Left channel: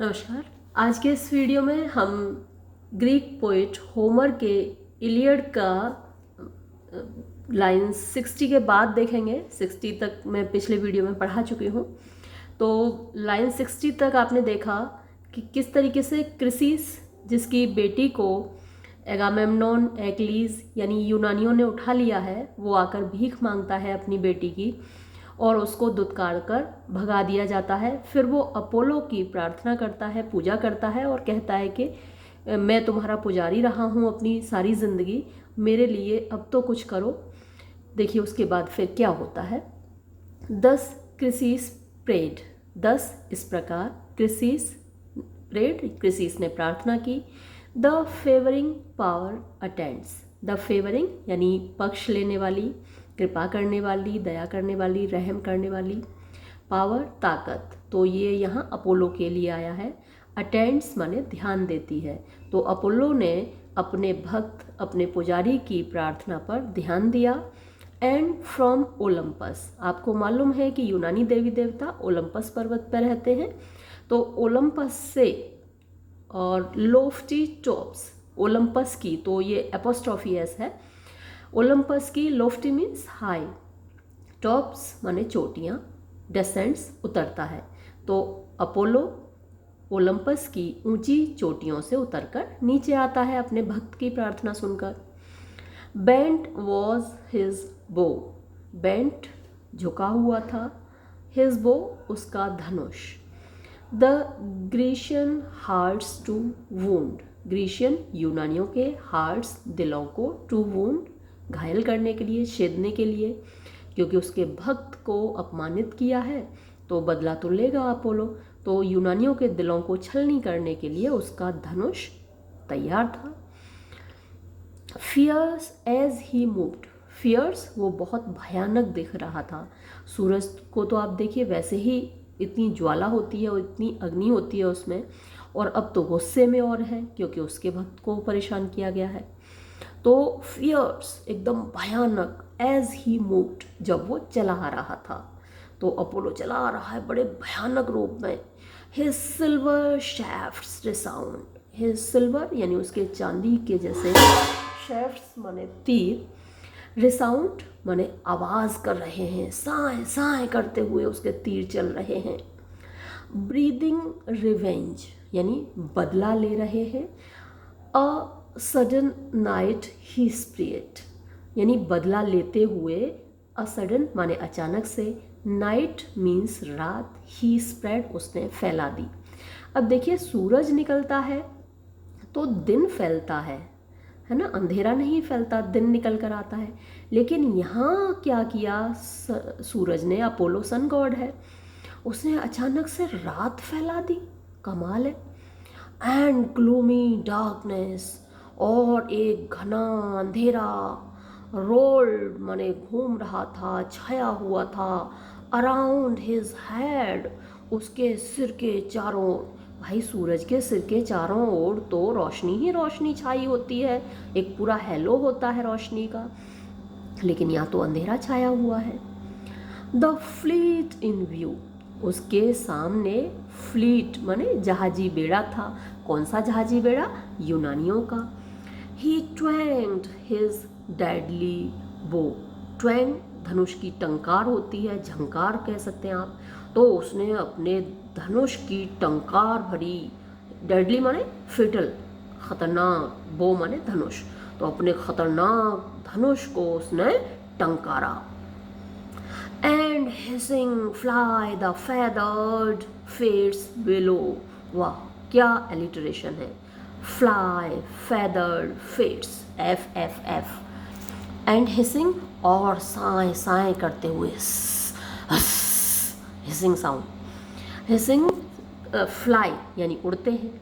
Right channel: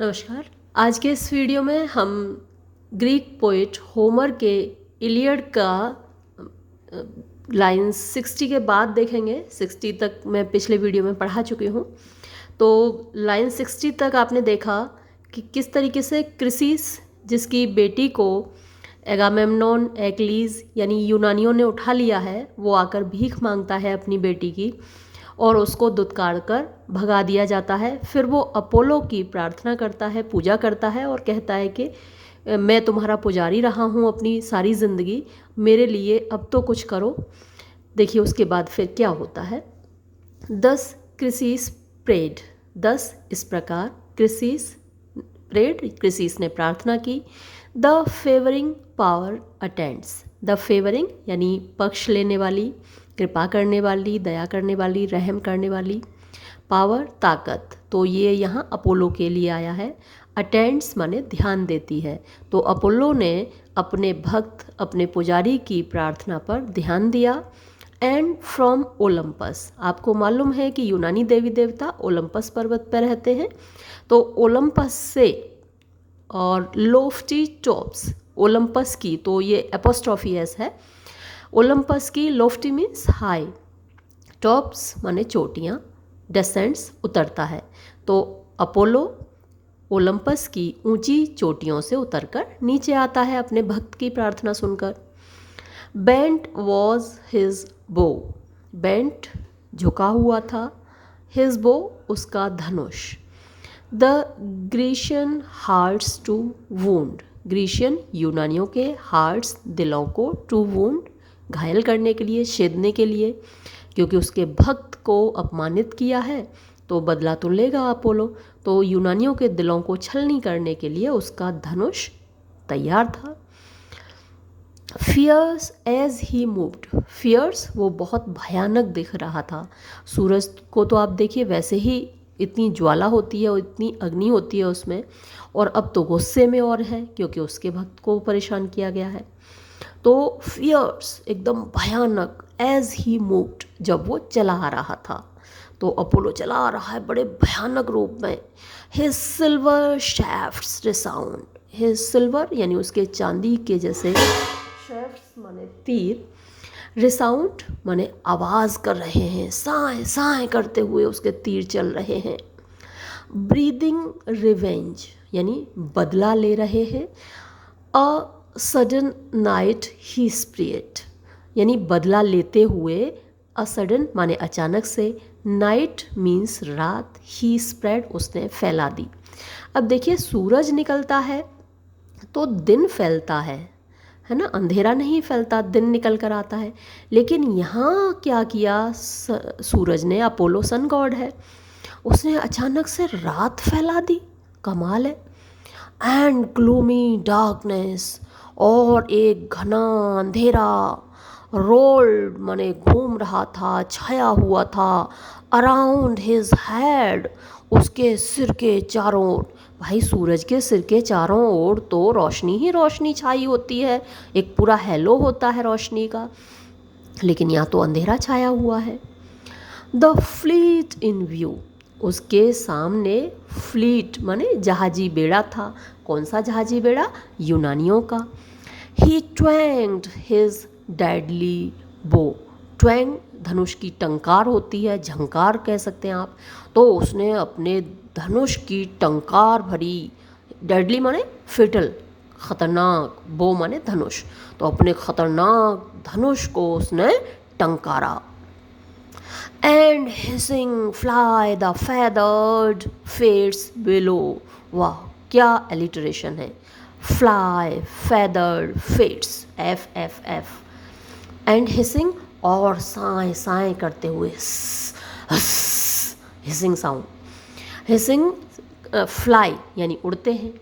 नमस्कार। आज के इस वीडियो में हम ग्रीक पोएट होमर के इलियड का लाइन 60 के बाद देखेंगे। 60 तक मैं पिछले वीडियो में पढ़ा चुकी हूँ। तो लाइन 60 तक आपने देखा कि किस तरीके से क्रिसिस, जिसकी बेटी को एगामेम्नोन एक्लीज यानी यूनानियों ने उठा लिया है, वो आकर भीख मांगता है अपनी बेटी की और उसको दुत्कार कर भगा दिया जाता है। फिर वो अपोलो की प्रार्थना करता है, पूजा करता है और कहता है कि मैं तुम्हारा पुजारी रहा हूँ अपनी सारी ज़िंदगी, मेरे लिए अब तो कुछ करो। देखिए उसके बाद फिर क्या होता है। 10 क्रिसिस प्रेड, 10 इस प्रकार क्रिसिस प्रेड, क्रिसिस ने प्रार्थना की। The favouring power attends, the favouring यानी पक्ष लेने वाली, कृपा करने वाली, दया करने वाली, रहम करने वाली, पावर ताकत, तो ये यहाँ अपोलो के लिए आया है। अटेंड्स माने ध्यान देती है। तो अपोलो ने अपने भक्त, अपने पुजारी की प्रार्थना पर ध्यान दिया। एंड फ्रॉम ओलंपस, आपको मालूम है कि यूनानी देवी देवता ओलंपस पर्वत पर रहते हैं। तो ओलंपस से, और लोफ्टी टॉप्स, ओलंपस की, तो ये एपोस्ट्रॉफी एस है, ओलंपस की, लोफ्टी मीन्स हाई, टॉप्स माने चोटियाँ, डेसेंट्स उतरता है। तो अपोलो ओलंपस की ऊंची चोटियों से उतरकर नीचे आता है अपने भक्त की प्रार्थना सुनकर। Bent was his bow, bent झुका हुआ था, हिज बो उसका धनुष। The Grecian hearts to wound, Grecian यूनानियों के हार्ट्स दिलों को, टू वूंड घायल करने के लिए, छेदने के लिए, क्योंकि उसके भक्त को अपमानित किया है तो बदला तो लेगा अपोलो। तो यूनानियों के दिलों को छलनी करने के लिए उसका धनुष तैयार था। Fierce as he moved, fierce वो बहुत भयानक दिख रहा था। सूरज को तो आप देखिए वैसे ही इतनी ज्वाला होती है और इतनी अग्नि होती है उसमें, और अब तो गुस्से में और है क्योंकि उसके भक्त को परेशान किया गया है। तो फियर्स एकदम भयानक, एज ही मूव्ड जब वो चला आ रहा था, तो अपोलो चला आ रहा है बड़े भयानक रूप में। His silver shafts resound, his silver यानी उसके चांदी के जैसे, शैफ्ट्स माने तीर, रिसाउंड माने आवाज़ कर रहे हैं, साए साए करते हुए उसके तीर चल रहे हैं। ब्रीदिंग रिवेंज यानी बदला ले रहे हैं। A sudden night he spread यानी बदला लेते हुए, अ सडन माने अचानक से, नाइट मीन्स रात, ही स्प्रेड उसने फैला दी। अब देखिए सूरज निकलता है तो दिन फैलता है ना, अंधेरा नहीं फैलता, दिन निकल कर आता है। लेकिन यहाँ क्या किया सूरज ने, अपोलो सन गॉड है, उसने अचानक से रात फैला दी। कमाल है। एंड ग्लूमी डार्कनेस, और एक घना अंधेरा, रोल्ड माने घूम रहा था, छाया हुआ था, अराउंड हिज हेड उसके सिर के चारों ओर। भाई सूरज के सिर के चारों ओर तो रोशनी ही रोशनी छाई होती है, एक पूरा हैलो होता है रोशनी का, लेकिन यहाँ तो अंधेरा छाया हुआ है। द फ्लीट इन व्यू, उसके सामने फ्लीट माने जहाजी बेड़ा था। कौन सा जहाजी बेड़ा? यूनानियों का। ही ट्वैंग्ड हिज डेडली बो, ट्वैंग धनुष की टंकार होती है, झंकार कह सकते हैं आप। तो उसने अपने धनुष की टंकार भरी, डेडली माने फिटल, खतरनाक, बो माने धनुष, तो अपने खतरनाक धनुष को उसने टंकारा। And hissing fly the feathered fates below, वाह क्या एलिटरेशन है, fly feathered fates, F F F, and hissing और साए साए करते हुए, हिसिंग साउंड, हिसिंग फ्लाई यानी उड़ते हैं,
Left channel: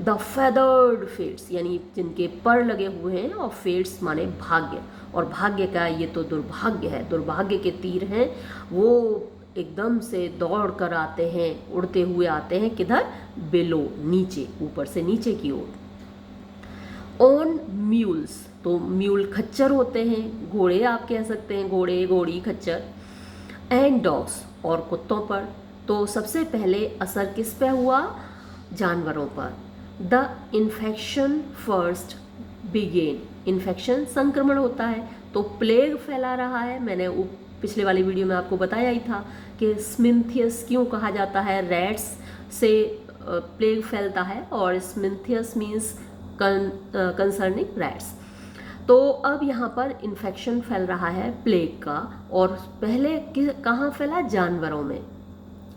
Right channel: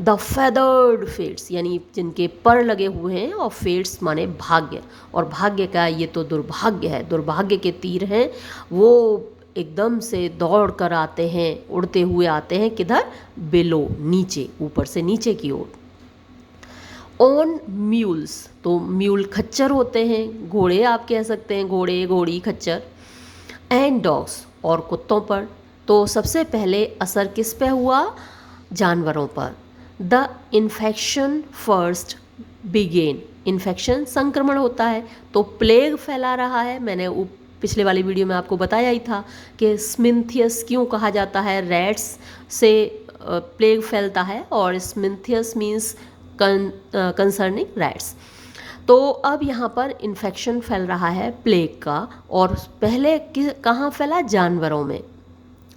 द फेदर्ड फेट्स यानी जिनके पर लगे हुए हैं, और फेट्स माने भाग्य, और भाग्य का ये तो दुर्भाग्य है, दुर्भाग्य के तीर हैं वो, एकदम से दौड़ कर आते हैं, उड़ते हुए आते हैं किधर? बिलो, नीचे, ऊपर से नीचे की ओर। ऑन म्यूल्स, तो म्यूल खच्चर होते हैं, घोड़े आप कह सकते हैं, घोड़े घोड़ी खच्चर। एंड डॉग्स, और कुत्तों पर। तो सबसे पहले असर किस पे हुआ? जानवरों पर। The infection first began, infection संक्रमण होता है तो प्लेग फैला रहा है। मैंने पिछले वाली वीडियो में आपको बताया ही था कि स्मिंथियस क्यों कहा जाता है, रैट्स से प्लेग फैलता है और स्मिंथियस मीन्स कंसर्निंग रैट्स। तो अब यहाँ पर इन्फेक्शन फैल रहा है प्लेग का, और पहले कहाँ फैला, जानवरों में।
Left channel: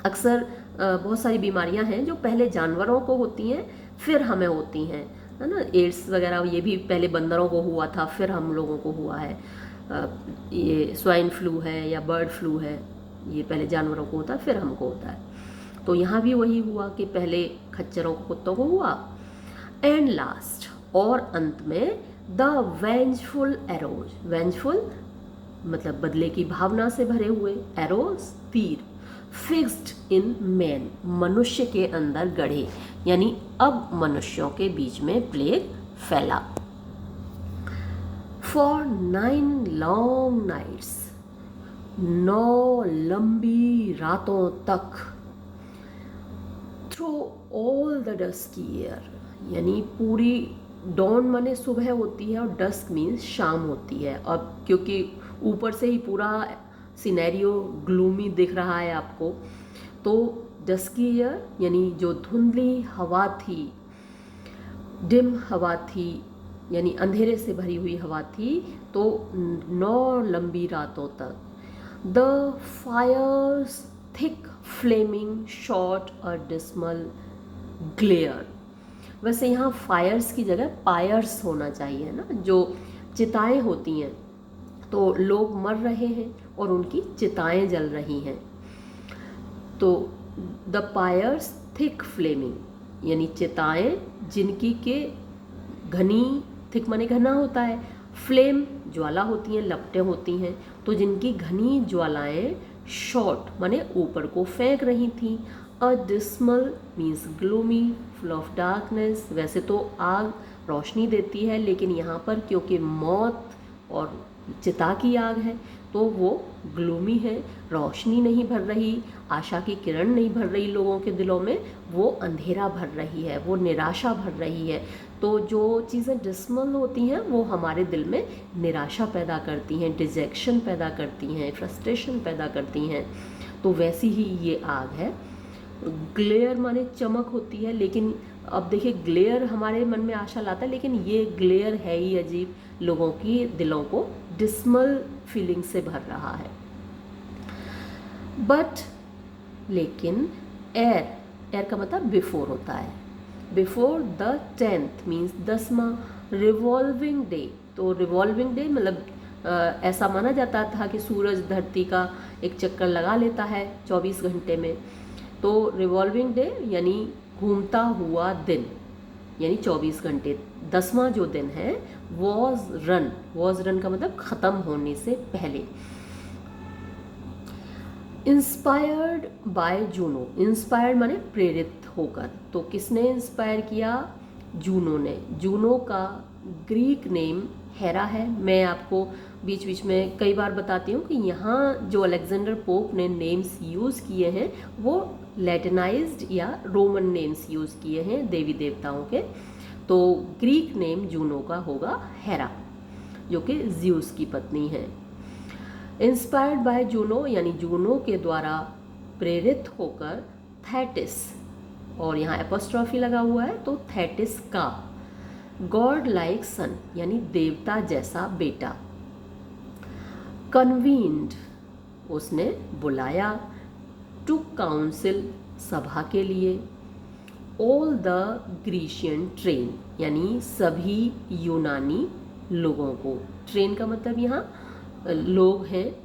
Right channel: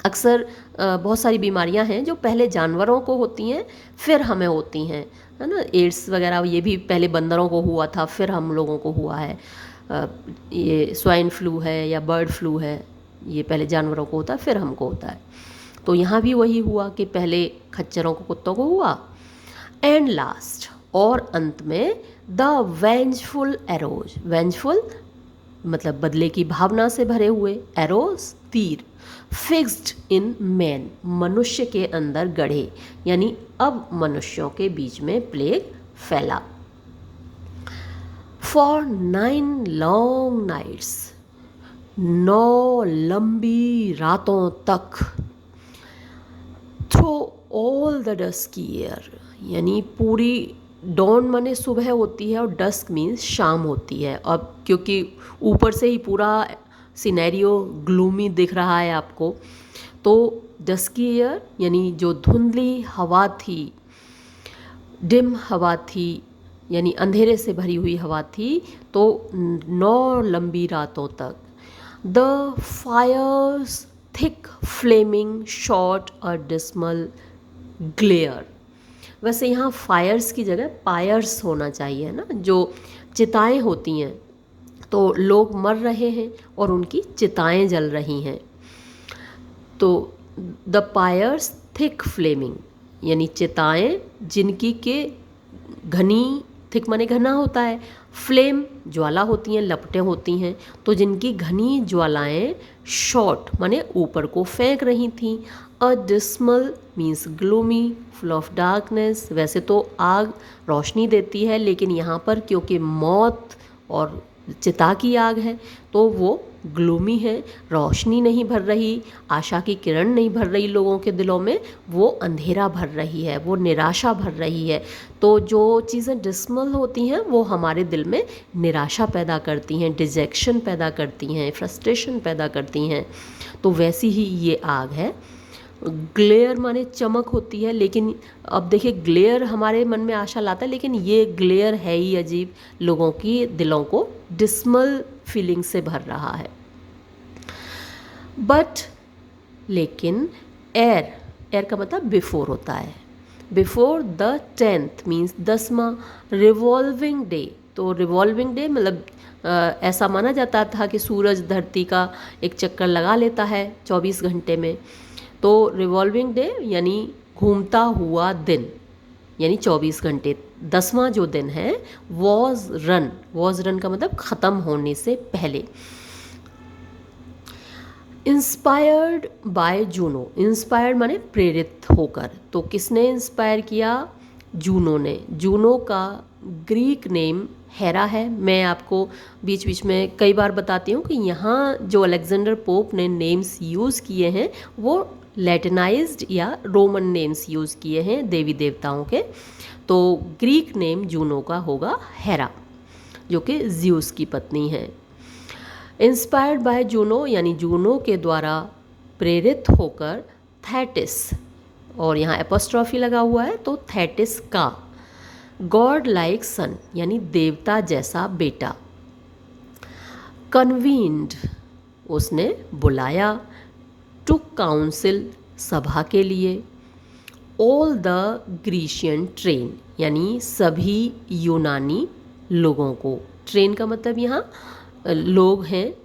अक्सर बहुत सारी बीमारियां हैं जो पहले जानवरों को होती हैं फिर हमें होती हैं, है ना। एड्स वगैरह ये भी पहले बंदरों को हुआ था फिर हम लोगों को हुआ है। ये स्वाइन फ्लू है या बर्ड फ्लू है, ये पहले जानवरों को होता है फिर हमको होता है। तो यहाँ भी वही हुआ कि पहले खच्चरों को, कुत्तों को हुआ। एंड लास्ट, और अंत में, द वेंजफुल एरोज, वेंजफुल मतलब बदले की भावना से भरे हुए, एरोज तीर, फिक्स्ड इन मैन मनुष्य के अंदर गढ़े, यानी अब मनुष्यों के बीच में प्लेग फैला। फॉर 9 लॉन्ग नाइट्स, 9 लंबी रातों तक, through all the dusky year, यानी पूरी, डॉन माने सुबह होती है और डस्क मीन्स शाम होती है। अब क्योंकि ऊपर से ही पूरा सिनेरियो ग्लूमी दिख रहा है आपको, तो डस्की ईयर यानी जो धुंधली हवा थी, डिम हवा थी, यानी अंधेरे से भरी हुई हवा थी, तो 9 लंबी रातों तक। The fires thick flaming shot a dismal glare, वैसे यहाँ फायर्स की जगह पायर्स होना चाहिए ना, जो चिताएं होती हैं, तो लोग मर रहे हैं और उनकी चिताएं जल रही हैं। तो द पायर्स थिक फ्लेमिंग, यानी चिताएं जिनकी के घनी, थिक माने घना होता है, फ्लेम ज्वाला होती हैं, लपटें होती हैं, तो जिनकी घनी ज्वालाएं शॉट माने ऊपर को फेंक रही थीं। A dismal means gloomy, full of darkness, वैसे तो आग रोशनी देती है, लेकिन यहाँ पर क्योंकि मौत और चिता की आग है तो वो ग्लूमी है, रोशनी नहीं भर रही, आशा की किरण नहीं भर रही लोगों के दिलों में, वो अंधेरा भर रही है, वो निराशा भर रही है। तो जो चीज़ें डिस्मल होती हैं वो हमारे दिल में निराशा पैदा करती हैं, डिजेक्शन पैदा करती हैं, फ्रस्ट्रेशन पैदा करती हैं। तो वैसी ही ये आग है। ग्लेयर माने चमक होती है, लेकिन अब देखिए ग्लेयर हमारे मन में आशा लाता है, लेकिन ये ग्लेयर है ही अजीब, लोगों की दिलों को डिस्मल फीलिंग से भर रहा है। बट लेकिन एयर, एयर का मतलब बिफोर होता है, बिफोर द 10th मीन्स 10वां रिवॉल्विंग डे। तो रिवॉल्विंग डे मतलब ऐसा माना जाता था कि सूरज धरती का एक चक्कर लगा लेता है 24 घंटे में, तो रिवॉल्विंग डे यानी घूमता हुआ दिन, यानी 24 घंटे। 10वां जो दिन है वॉज रन, वॉज रन का मतलब ख़त्म होने से पहले। इंस्पायर्ड बाय जूनो, इंस्पायर्ड माने प्रेरित होकर, तो किसने इंस्पायर किया, जूनो ने। जूनो का ग्रीक नेम हेरा है। मैं आपको बीच बीच में कई बार बताती हूँ कि यहाँ जो अलेक्जेंडर पोप ने नेम्स यूज़ किए हैं वो लैटिनाइज्ड या रोमन नेम्स यूज़ किए हैं देवी देवताओं के। तो ग्रीक नेम जूनो का होगा हेरा, जो कि ज़्यूस की पत्नी है। इंस्पायर्ड बाय जूनो यानी जूनो के द्वारा प्रेरित होकर थेटिस, और यहाँ एपोस्ट्रॉफी लगा हुआ है तो थेटिस का, गॉड लाइक सन यानी देवता जैसा बेटा, कन्वीन्ड उसने बुलाया, टू काउंसिल सभा के लिए, ऑल द ग्रीशियन ट्रेन यानी सभी यूनानी लोगों को। ट्रेन का मतलब यहाँ लोग हैं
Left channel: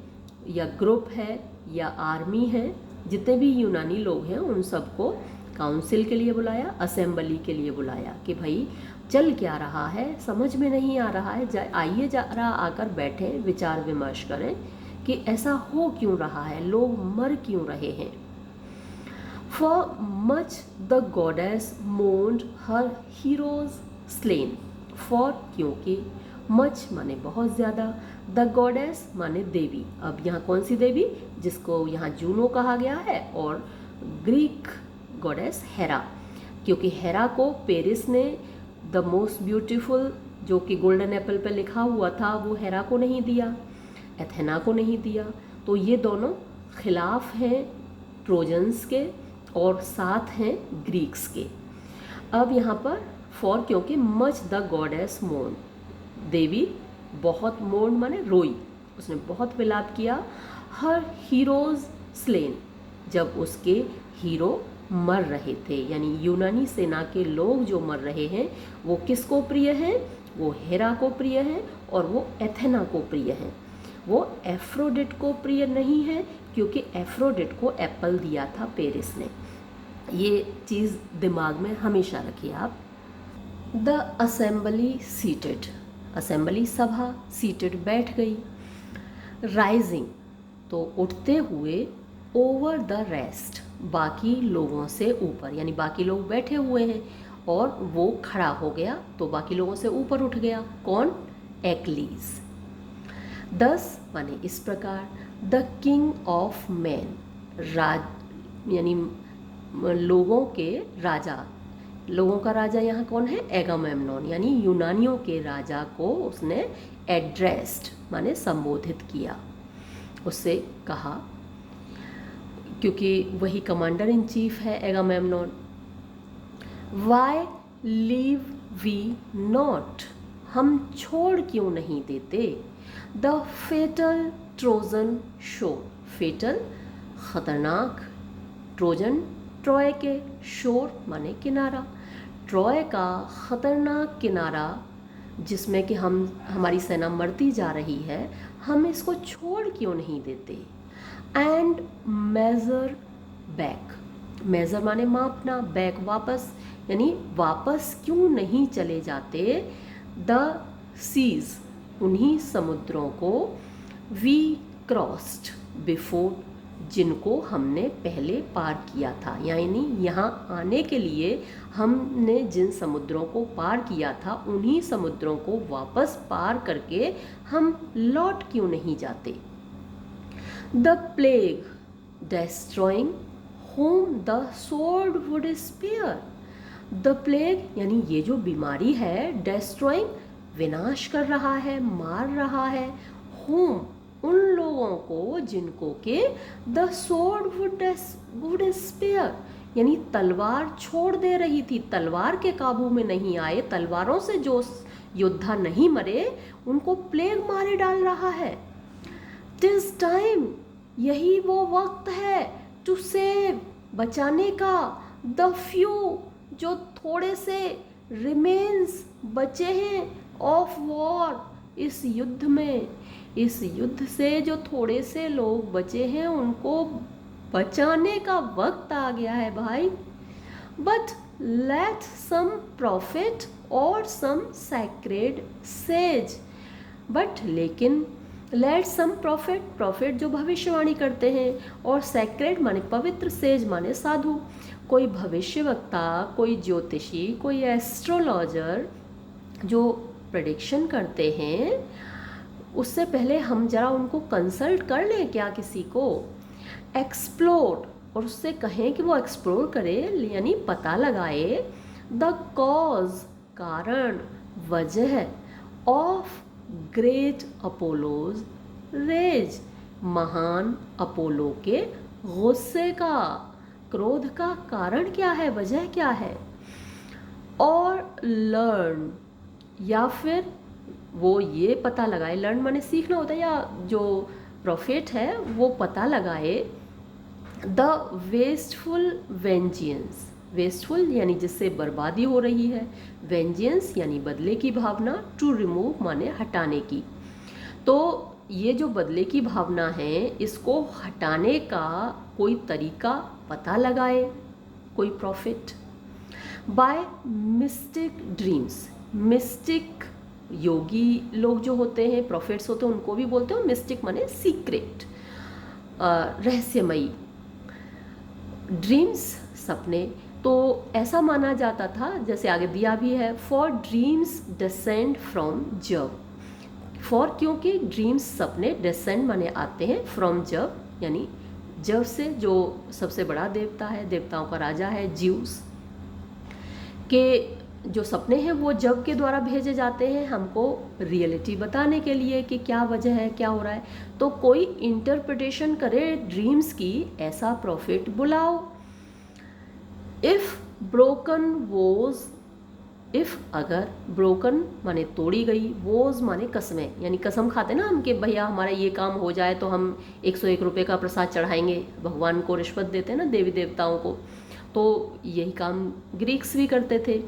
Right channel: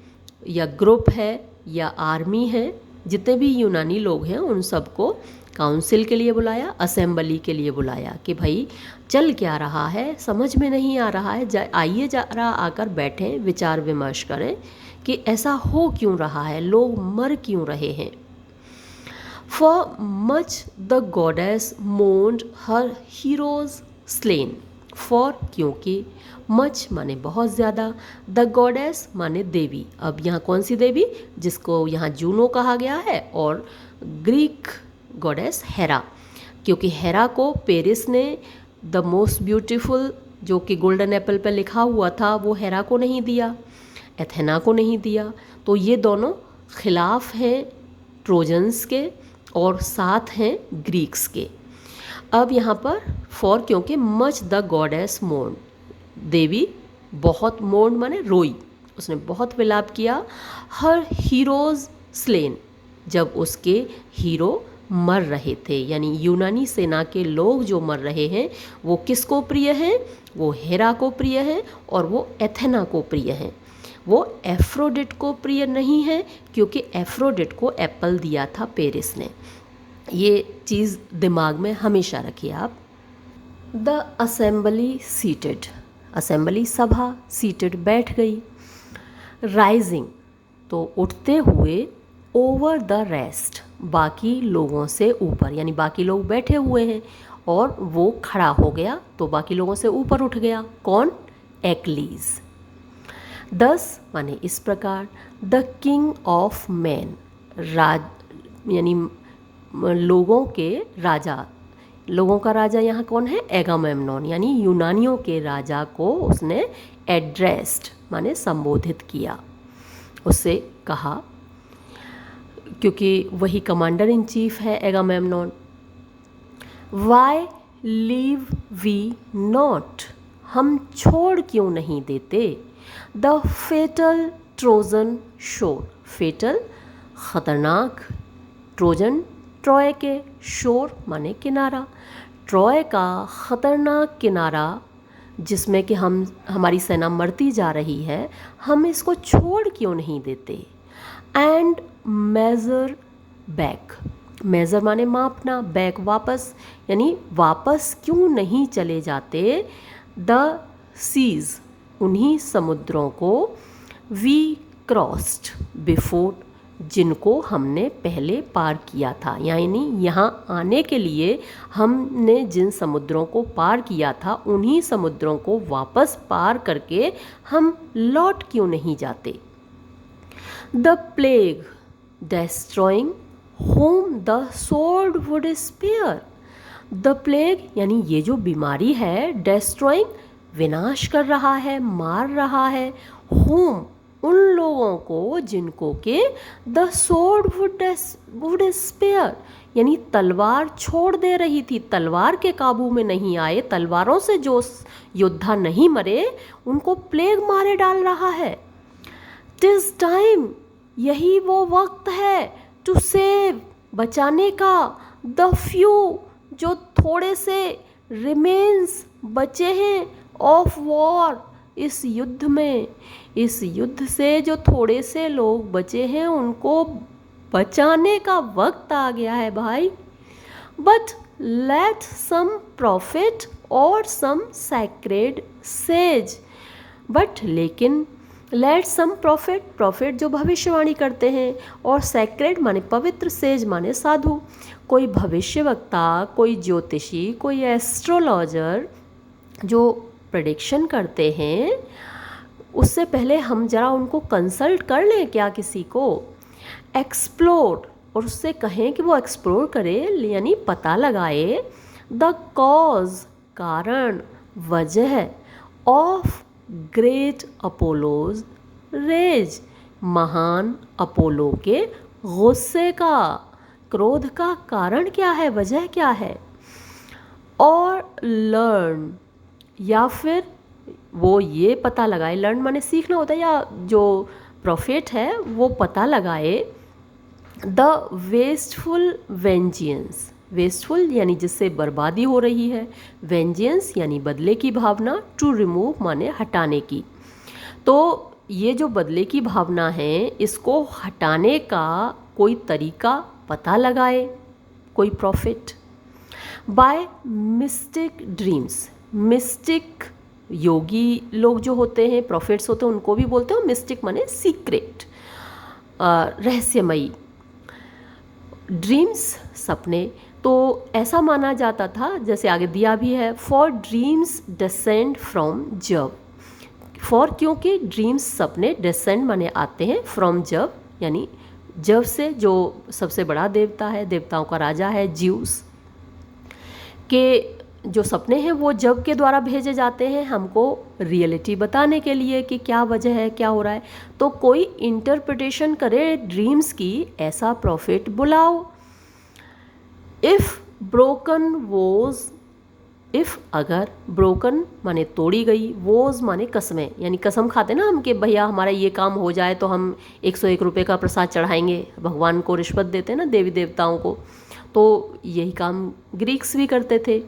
या ग्रुप है या आर्मी है, जितने भी यूनानी लोग हैं उन सबको काउंसिल के लिए बुलाया, असेंबली के लिए बुलाया कि भाई चल क्या रहा है, समझ में नहीं आ रहा है, आइए जरा आकर बैठें, विचार विमर्श करें कि ऐसा हो क्यों रहा है, लोग मर क्यों रहे हैं। For much the goddess moaned her heroes slain, for क्योंकि, मच माने बहुत ज़्यादा, द गॉडेस माने देवी। अब यहाँ कौन सी देवी, जिसको यहाँ जूनो कहा गया है, और ग्रीक गॉडेस हेरा। क्योंकि हेरा को पेरिस ने द मोस्ट ब्यूटीफुल, जो कि गोल्डन एप्पल पर लिखा हुआ था, वो हेरा को नहीं दिया, एथेना को नहीं दिया। तो ये दोनों खिलाफ हैं ट्रोजन्स के और साथ हैं ग्रीक्स के। अब यहाँ पर फॉर, क्योंकि मच द गॉडेस मोर्न, देवी बहुत मोर्न माने रोई, उसने बहुत विलाप किया। हर हीरोज स्लेन, जब उसके हीरो मर रहे थे, यानी यूनानी सेना के लोग जो मर रहे हैं वो किसको प्रिय हैं? वो हेरा को प्रिय हैं और वो एथेना को प्रिय हैं। वो एफ्रोडिट को प्रिय नहीं है, क्योंकि एफ्रोडिट को एप्पल दिया था पेरिस ने। ये चीज़ दिमाग में हमेशा रखिए आप। द असेंबली सीटेड, असेंबली सभा, सीटेड बैठ गई। राइजिंग तो उठते हुए, ओवर द रेस्ट बाकी लोगों से ऊपर, यानी बाकी लोग बैठे हुए हैं और वो खड़ा हो गया तो बाकी लोगों से ऊपर उठ गया। कौन? एक्लीज। 10 माने इस प्रकार, द किंग ऑफ मैन, राज यानी लोगों के राजा, लोगों का राजा यहाँ कौन है? एगामेम्नॉन, यानी यूनानियों के राजा को उसने एड्रेस्ड माने संबोधित किया, उससे कहा, क्योंकि वही कमांडर इन चीफ है एगामेम्नॉन। वाई लीव वी नॉट, हम छोड़ क्यों नहीं देते? द फेटल ट्रोजन शोर, फेटल खतरनाक, ट्रोजन ट्रॉय के, शोर माने किनारा, ट्रॉय का खतरनाक किनारा जिसमें कि हमारी सेना मरती जा रही है, हम इसको छोड़ क्यों नहीं देते? एंड मेजर बैक, मेजर माने मापना, बैक वापस, यानी वापस क्यों नहीं चले जाते? द सीज, उन्हीं समुद्रों को, वी क्रॉस्ड बिफोर, जिनको हमने पहले पार किया था, यानी यहाँ आने के लिए हमने जिन समुद्रों को पार किया था उन्हीं समुद्रों को वापस पार करके हम लौट क्यों नहीं जाते? The plague destroying home the sword would spare, the plague यानी ये जो बीमारी है, डिस्ट्रॉइंग विनाश कर रहा है, मार रहा है, होम उन लोगों को जिनको के द स्वॉर्ड वुड स्पेयर, यानी तलवार छोड़ दे रही थी, तलवार के काबू में नहीं आए, तलवारों से जो योद्धा नहीं मरे उनको प्लेग मारे डाल रहा है। टिस टाइम, यही वो वक्त है, टू सेव, बचाने का, द फ्यू, जो थोड़े से, रिमेन्स, बचे हैं, ऑफ वॉर, इस युद्ध में, इस युद्ध से जो थोड़े से लोग बचे हैं उनको बचाने का वक्त आ गया है भाई। बट लेट सम प्रॉफिट और सम सैक्रेड सेज, बट लेकिन, लेट सम प्रॉफिट, प्रॉफिट जो भविष्यवाणी करते हैं, और सैक्रेड माने पवित्र, सेज माने साधु। कोई भविष्यवक्ता, कोई ज्योतिषी, कोई एस्ट्रोलॉजर जो प्रेडिक्शन करते हैं, उससे पहले हम जरा उनको कंसल्ट कर लें क्या किसी को? एक्सप्लोर, और उससे कहें कि वो एक्सप्लोर करे, यानी पता लगाए, द कॉज, कारण, वजह, ऑफ ग्रेट अपोलोज रेज, महान अपोलो के गुस्से का, क्रोध का कारण क्या है, वजह क्या है? और लर्न, या फिर वो ये पता लगाए, लर्न माने सीखना होता है, या जो प्रॉफिट है वो पता लगाए, द वेस्टफुल वेंजियंस, वेस्टफुल यानी जिससे बर्बादी हो रही है, वेंजियंस यानी बदले की भावना, टू रिमूव माने हटाने की। तो ये जो बदले की भावना है इसको हटाने का कोई तरीका पता लगाए कोई profit. By mystic dreams, mystic योगी लोग जो होते हैं, प्रॉफिट्स होते हैं, उनको भी बोलते हैं मिस्टिक माने सीक्रेट, रहस्यमयी। ड्रीम्स सपने, तो ऐसा माना जाता था, जैसे आगे दिया भी है, फॉर ड्रीम्स डिसेंड फ्रॉम जब, फॉर क्योंकि ड्रीम्स सपने, डिसेंड माने आते हैं, फ्रॉम जब यानी जब से, जो सबसे बड़ा देवता है, देवताओं का राजा है ज्यूस। कि जो सपने हैं वो जब के द्वारा भेजे जाते हैं हमको रियलिटी बताने के लिए कि क्या वजह है, क्या हो रहा है। तो कोई इंटरप्रिटेशन करे ड्रीम्स की, ऐसा प्रॉफिट बुलाओ। इफ़ ब्रोकन वोज, इफ़ अगर, ब्रोकन माने तोड़ी गई, वोज माने कसमें, यानी कसम खाते ना हम कि भैया हमारा ये काम हो जाए तो हम 101 रुपये का प्रसाद चढ़ाएंगे, भगवान को रिश्वत देते हैं ना देवी देवताओं को, तो यही काम ग्रीक्स भी करते थे।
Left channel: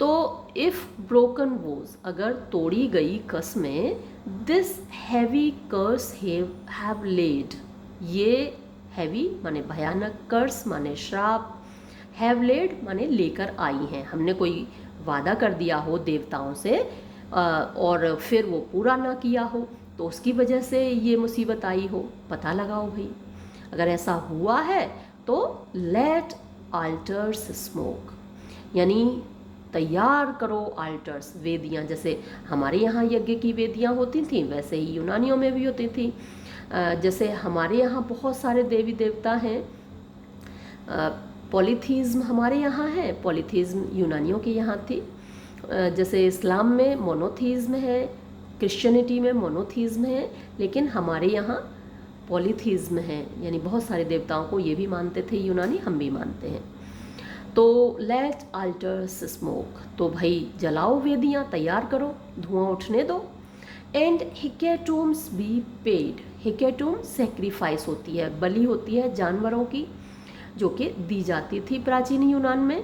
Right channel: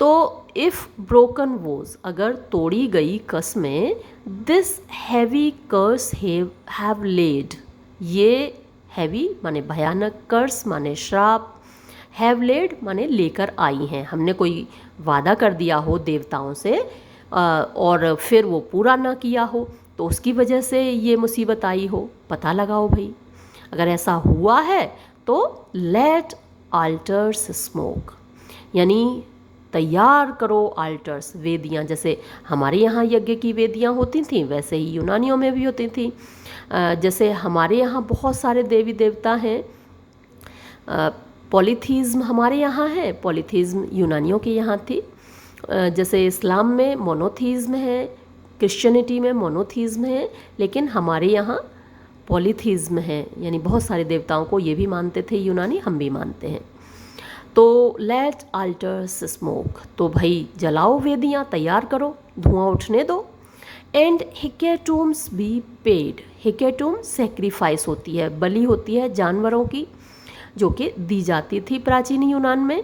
तो इफ़ ब्रोकन वोज, अगर तोड़ी गई कसमें, this heavy curse have laid, ये हैवी माने भयानक, कर्स माने श्राप, हैव लेड माने लेकर आई हैं। हमने कोई वादा कर दिया हो देवताओं से और फिर वो पूरा ना किया हो, तो उसकी वजह से ये मुसीबत आई हो। पता लगाओ भाई, अगर ऐसा हुआ है तो लेट आल्टर्स स्मोक, यानी तैयार करो आल्टर्स, वेदियाँ। जैसे हमारे यहाँ यज्ञ की वेदियाँ होती थी वैसे ही यूनानियों में भी होती थी। जैसे हमारे यहाँ बहुत सारे देवी देवता हैं, पॉलीथीज्म हमारे यहाँ है, पॉलीथीज्म यूनानियों के यहाँ थी। जैसे इस्लाम में मोनोथीज्म है, क्रिश्चियनिटी में मोनोथीज्म है, लेकिन हमारे यहाँ पॉलीथीज्म है, यानी बहुत सारे देवताओं को ये भी मानते थे यूनानी, हम भी मानते हैं। तो लेट आल्टर्स स्मोक, तो भाई जलाओ वेदियाँ, तैयार करो, धुआं उठने दो। एंड हिकेटूम्स बी पेड, हिकेटूम सेक्रीफाइस होती है, बलि होती है जानवरों की, जो कि दी जाती थी प्राचीन यूनान में।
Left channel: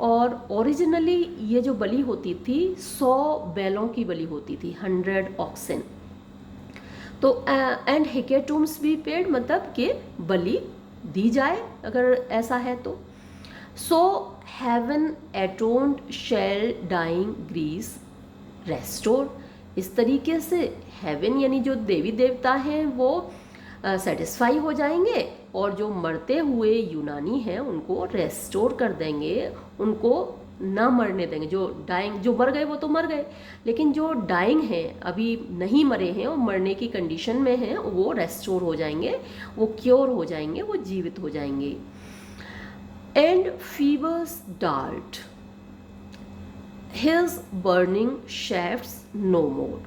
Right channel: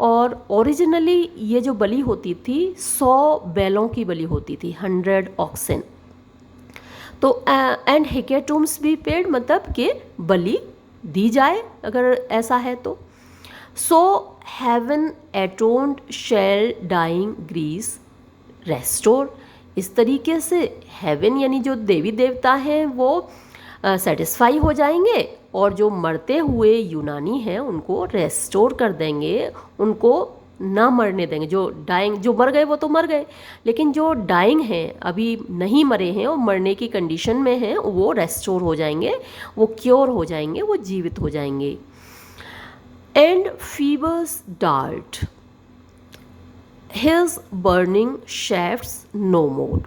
और ओरिजिनली ये जो बलि होती थी 100 बैलों की बलि होती थी, 100 ऑक्सन। तो एंड हिकेटूम्स बी पेड मतलब कि बलि दी जाए अगर ऐसा है तो। So heaven atoned shall dying Greece restore, इस तरीके से हेवन यानी जो देवी देवता हैं वो सेटिस्फाई हो जाएंगे और जो मरते हुए यूनानी हैं उनको रेस्टोर कर देंगे, उनको ना मरने देंगे। जो डाइंग, जो मर गए वो तो मर गए, लेकिन जो डाइंग हैं, अभी नहीं मरे हैं और मरने की कंडीशन में हैं, वो रेस्टोर हो जाएंगे, वो क्योर हो जाएंगे, वो जीवित हो जाएंगे। And Phoebus dart his burning shafts no more.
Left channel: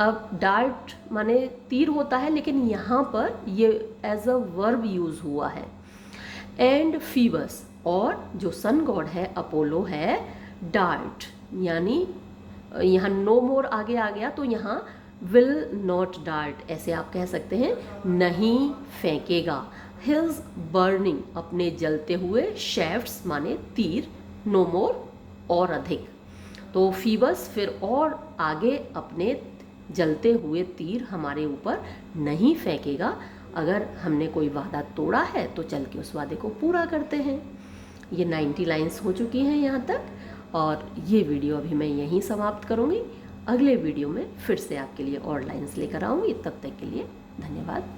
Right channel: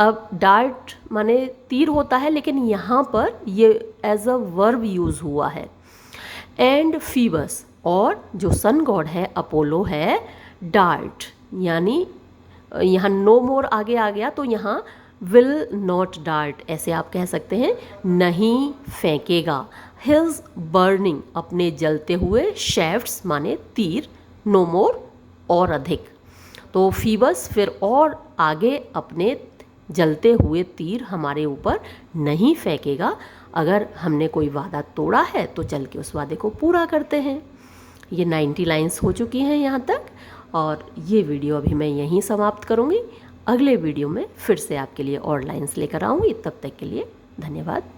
अब डार्ट माने तीर होता है, लेकिन यहाँ पर ये एज अ वर्ब यूज़ हुआ है। एंड फीबस, और जो सन गॉड है अपोलो है, डार्ट यानी यहाँ नो मोर आगे आ गया तो यहाँ विल नॉट डार्ट, ऐसे आप कह सकते हैं, नहीं फेंकेगा। हिज बर्निंग अपने जलते हुए, शेफ्ट्स माने तीर, नो मोर और अधिक। तो फीबस फिर और आगे अपने जलते हुए तीर हमारे ऊपर नहीं फेंकेगा। अगर हमने कोई वादा तोड़ा है तो चल के उस वादे को पूरा करते हैं। ये 90 लाइन्स हो चुकी हैं यहाँ तक, और ये वीडियो अभी मैं यहीं समाप्त करूँगी। अगले वीडियो में फिर से आपके लिए और लाइन्स लेकर आऊँगी। तब तक के लिए धन्यवाद।